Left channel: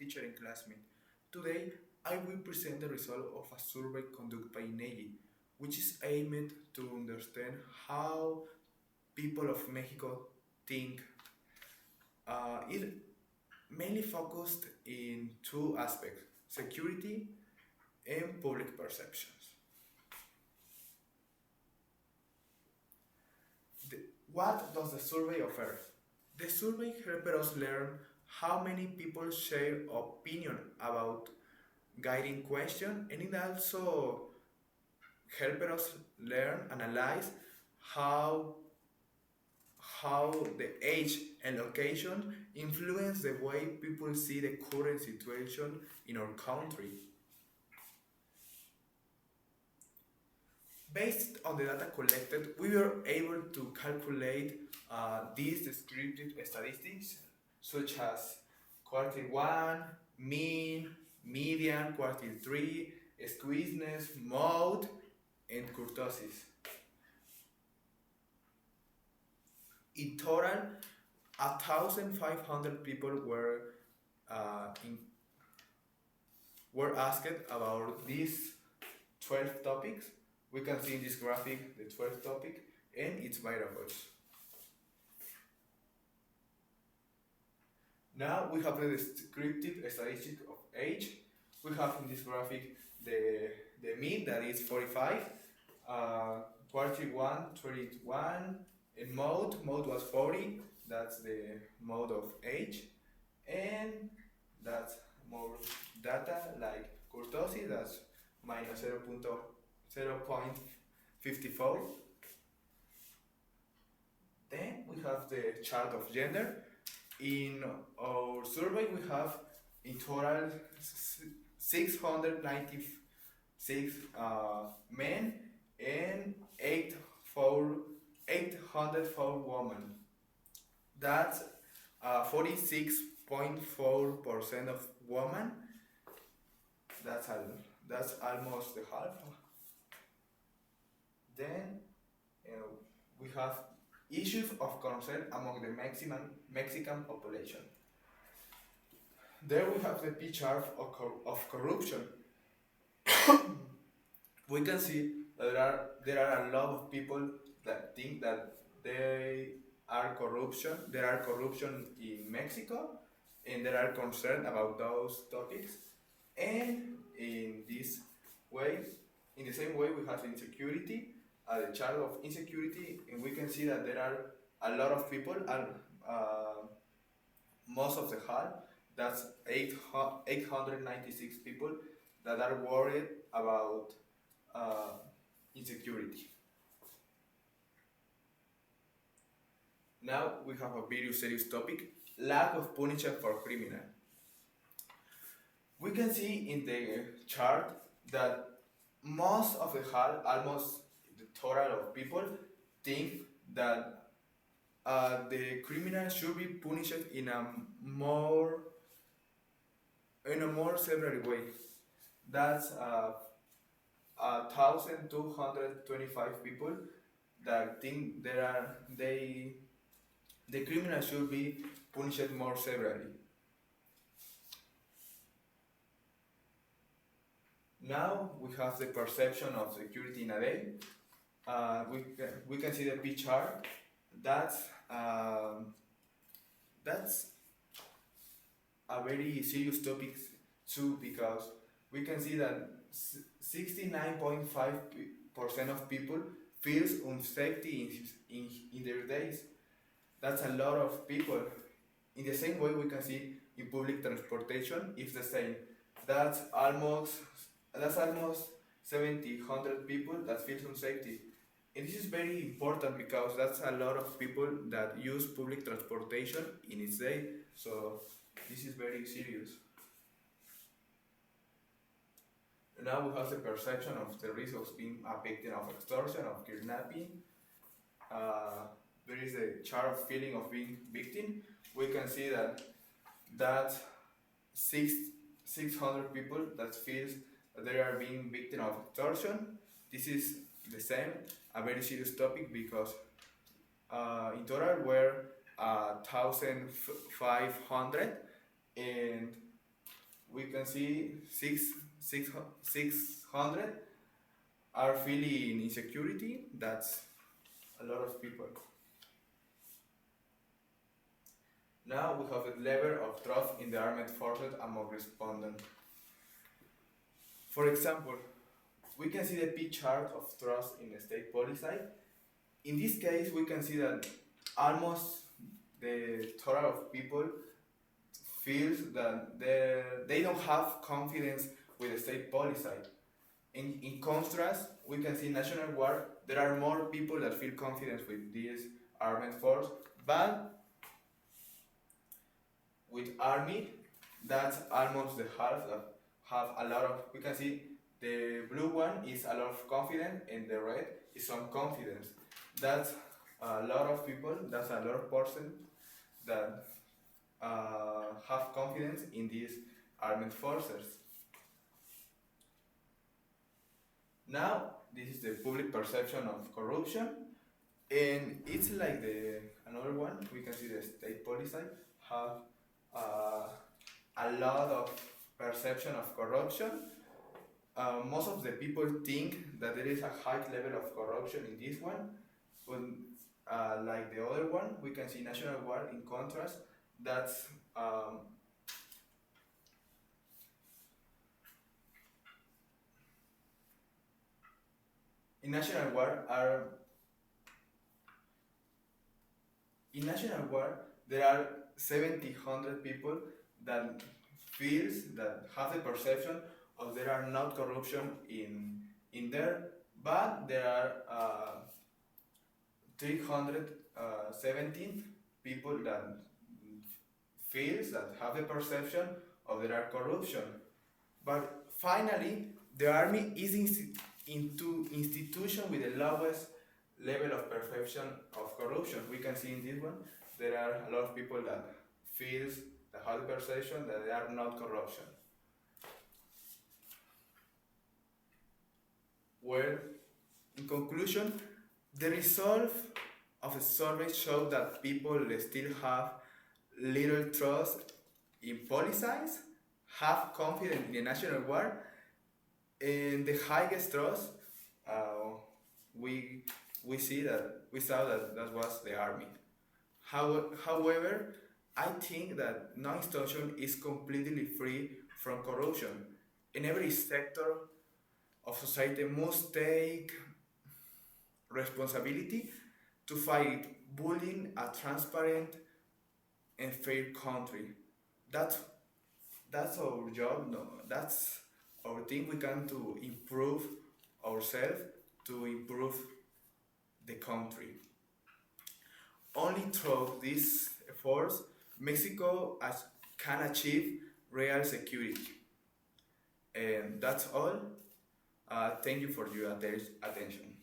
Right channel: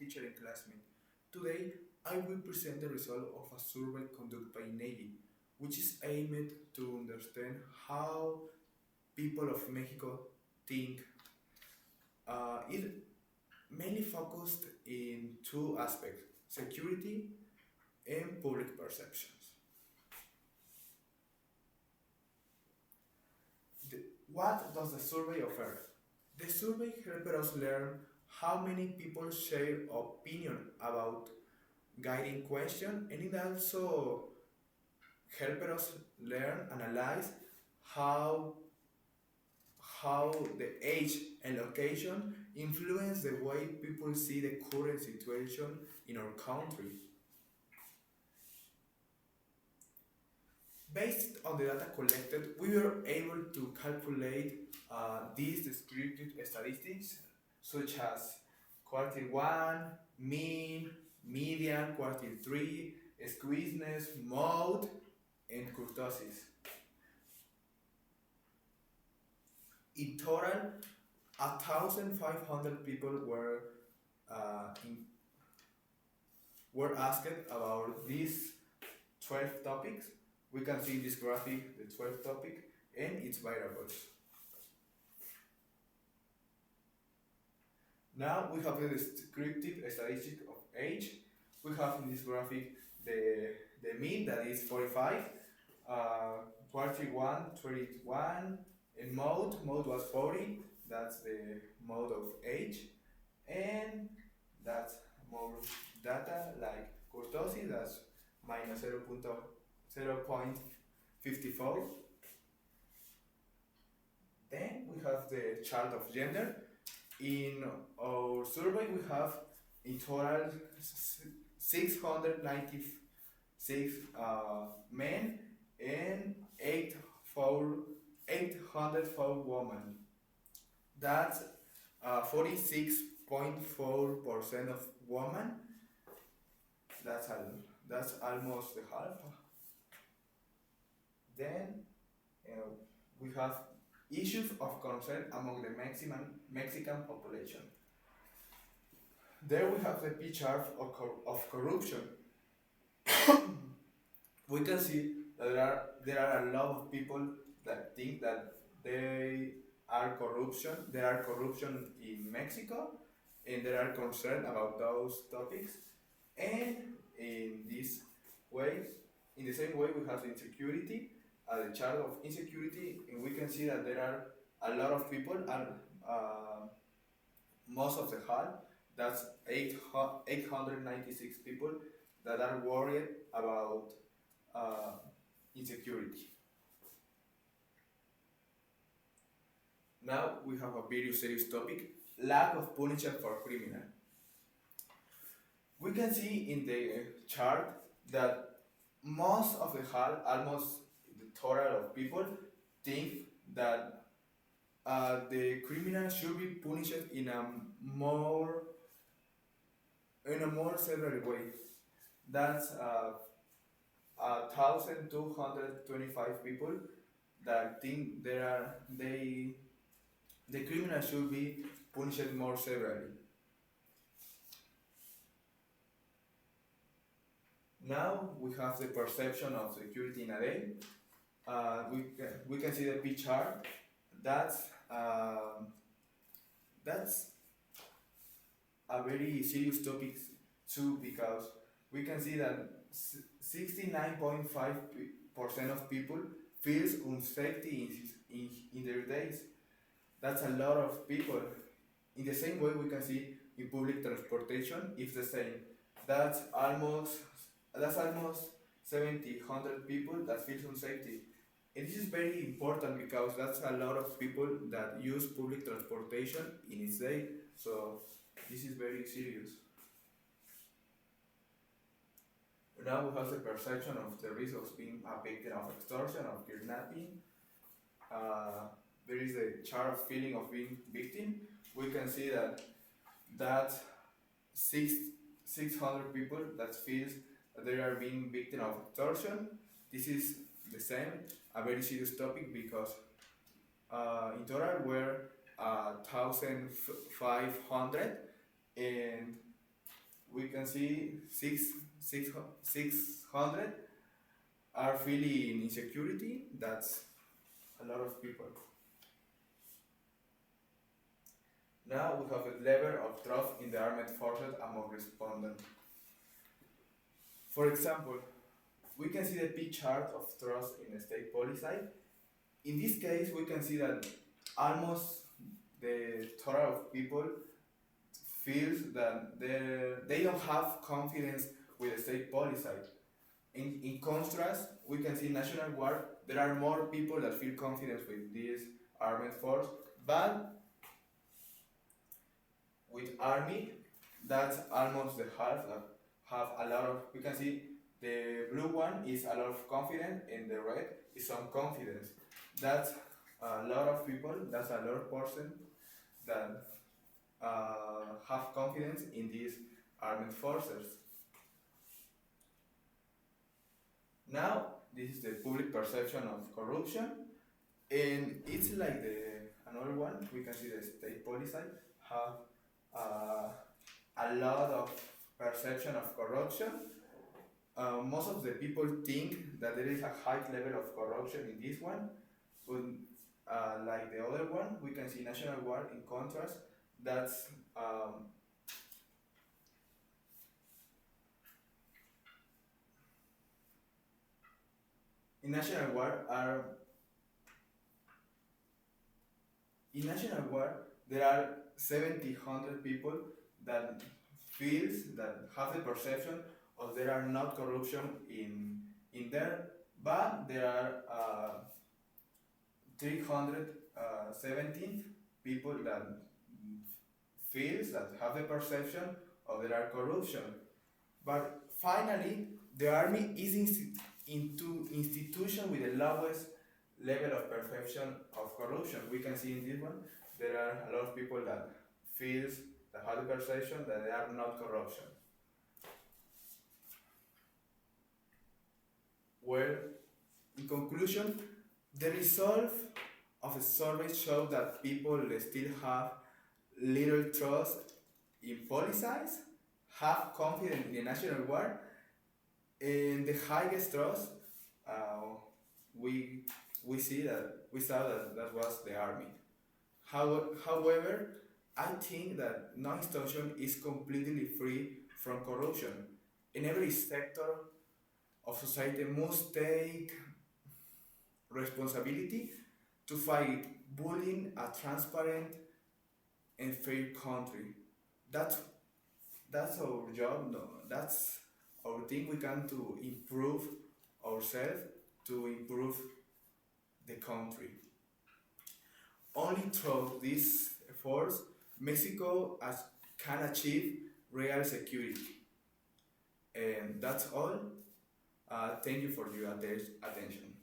teacher and classmate. Today, I will present the result of a survey conducted by INEGI, which is aimed to understand how people of Mexico think. It mainly focused in two aspects: security and public perceptions. What does the survey offer? The survey helped us learn how many people share opinion about guiding question, and it also helped us learn, analyze how the age and location influence the way people see the current situation in our country. Based on the data collected, we were able to calculate these descriptive statistics such as quartile 1, mean, median, quartile 3, squeezeness, mode, and kurtosis. In total, 1,500 people were asked about these 12 topics. We can see in this graphic the 12th topic and its variables. Now we have the descriptive statistic of age. We have in this graphic the mean, that is 45, quartile 1, 31, and mode was 40, that's the mode of age, and that's more data like kurtosis, that's minus 0.54. Then we have the chart of gender. In our survey, we have in total 696 men and 804 women. That's 46.4% of women. That's almost the half. Then we have issues of concern among the Mexican population. There we have the P chart of corruption. We can see that there are a lot of people that think that there are corruption in Mexico, and there are concerned about those topics. And in the same way, we have insecurity, the chart of insecurity, and we can see that there are a lot of people, and most of the HAL, that's 896 people that are worried about insecurity. Now we have a very serious topic: lack of punishment for criminal. We can see in the chart that most of the HAL, almost the total of people, think that the criminal should be punished in a more severe way. That's 1,225 people that think the criminal should be punished more severely. Now we have the perception of security in a day. We can see the P chart. That's a very serious topic too, because we can see that 69.5% of people feels unsafety in their days. That's a lot of people. In the same way, we can see in public transportation, it's the same. That's almost 700 people that feels unsafety. And this is very important because that's a lot of people that use public transportation in its day. So this is very serious. Now we have the perception of the risk of being a victim of extortion, of kidnapping. There is a chart of feeling of being victim. We can see that 600 people that feels that they are being victim of extortion. This is the same, a very serious topic, because in total were 1,500, and we can see 600 are feeling insecurity. That's a lot of people. Now we have a level of trust in the armed forces among respondents. For example, we can see the P chart of trust in the state policy. In this case, we can see that almost the total of people feels that they don't have confidence with the state policy. In contrast, we can see National Guard, there are more people that feel confidence with this armed force, but with Army, that's almost the half that have a lot of, we can see the blue one is a lot of confidence and the red is some confidence. That's a lot of people, that's a lot of person that have confidence in these armed forces. Now, this is the public perception of corruption, and it's like another one. We can see the state policy have a lot of perception of corruption. Most of the people think that there is a high level of corruption in this one, but like the other one, we can see National Guard in contrast. That's in National Guard there are 700 people that feels that have the perception of there are not corruption in there, but there are 317 people that feels that have the perception of there are corruption. But finally, the army is into institution with the lowest level of perception of corruption. We can see in this one, there are a lot of people that feels that have the perception that there are not corruption. Well, in conclusion, the result of a survey showed that people still have little trust in policies, have confidence in the National Guard, and the highest trust we saw that was the army. However, I think that no institution is completely free from corruption, and every sector of society must take responsibility to fight bullying a transparent and fair country. That's our job. No, that's our thing. We can to improve ourselves, to improve the country. Only through these efforts, Mexico can achieve real security. And that's all. Thank you for your attention.